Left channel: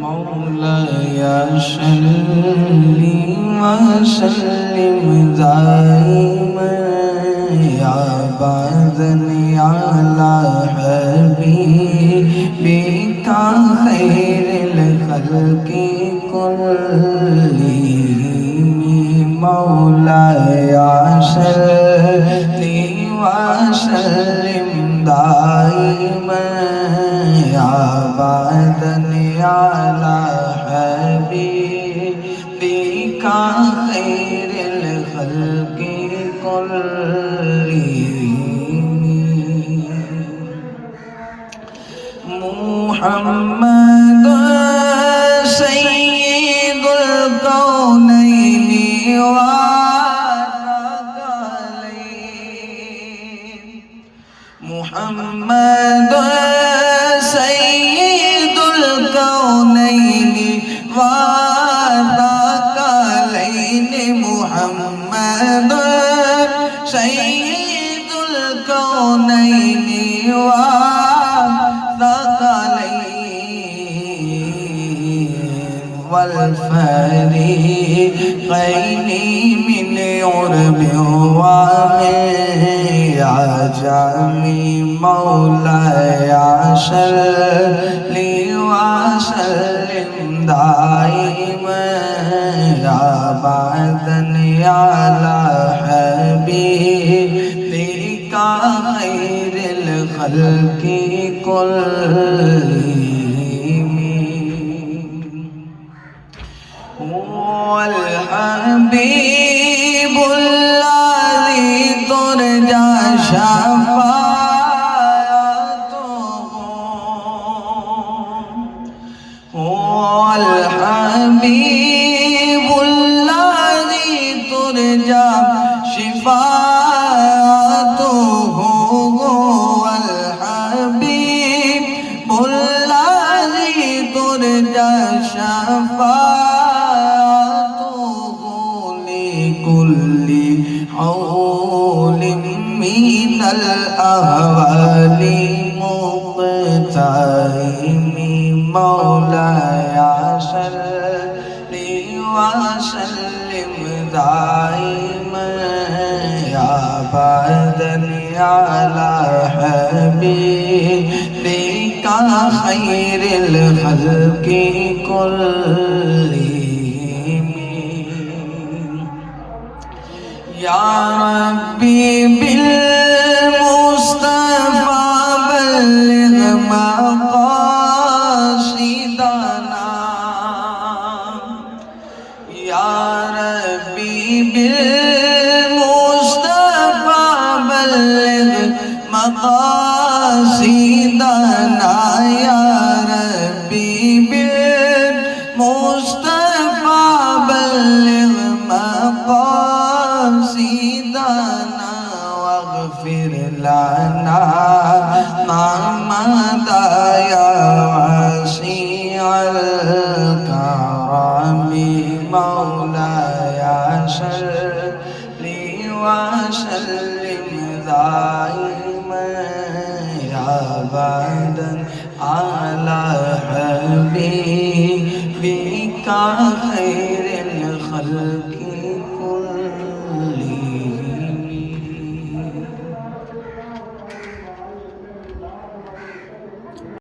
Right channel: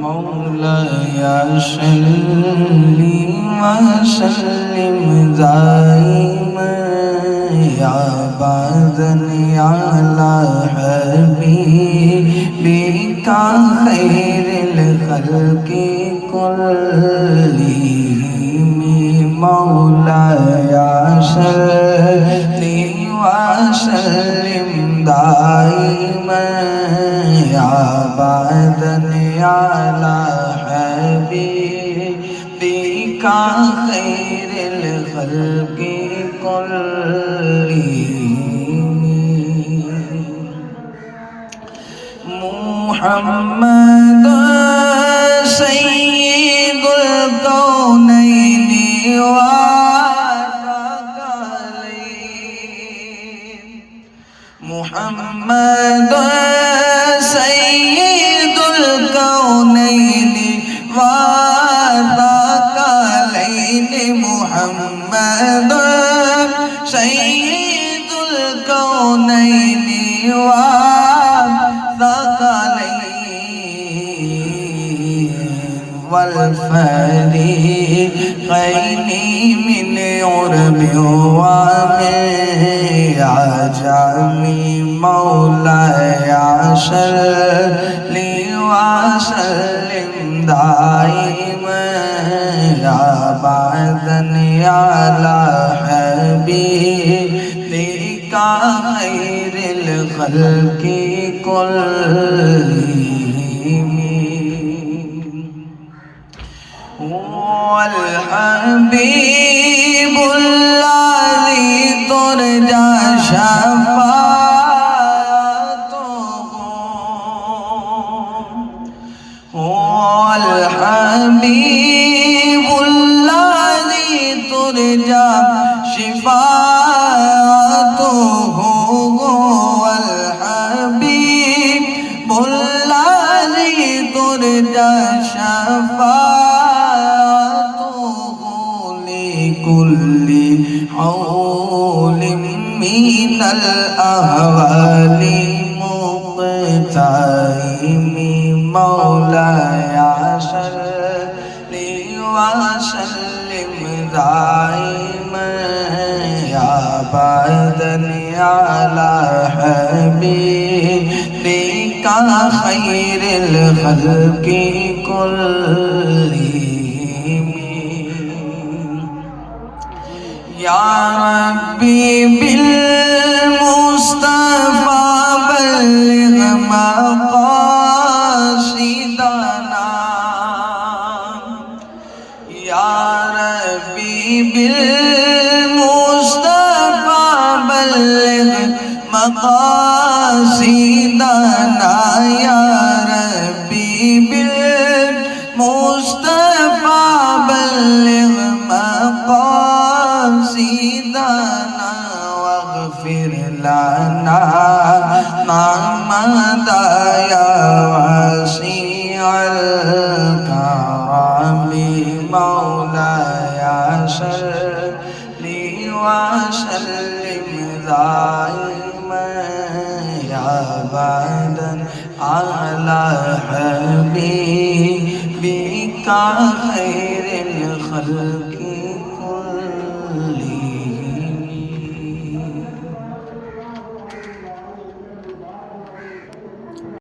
मौलाया सल्ली व सल्लिम दाइमन अबदन अला हबीबिका खैरिल खल्क़ि कुल्लिहिम मौलाया सल्ली व सल्लिम दाइमन अबदन अला हबीबिका खैरिल खल्क़ि कुल्लिहिम मुहम्मद सय्यिदुल कौनैनि व सकलैन मुहम्मद सय्यिदुल कौनैनि व सकलैन मुहम्मद सय्यिदुल कौनैनि व والفريقين من عرب ومن عجم مولاي صل وسلم دائما أبدا على حبيبك خير الخلق كلهم والحبيب الذي ترجى شفاعته والحبيب الذي ترجى شفاعته والحبيب الذي ترجى شفاعته كل حول من الأهوال مقتحم مولاي صل وسلم دائما أبدا على حبيبك خير الخلق كلهم يا ربي بالمصطفى بلغ مقاصدنا يا ربي بالمصطفى بلغ مقاصدنا يا ربي بالمصطفى بلغ مقاصدنا واغفر لنا ما مضى يا واسع الكرم مولاي صل وسلم دائما أبدا على حبيبك خير الخلق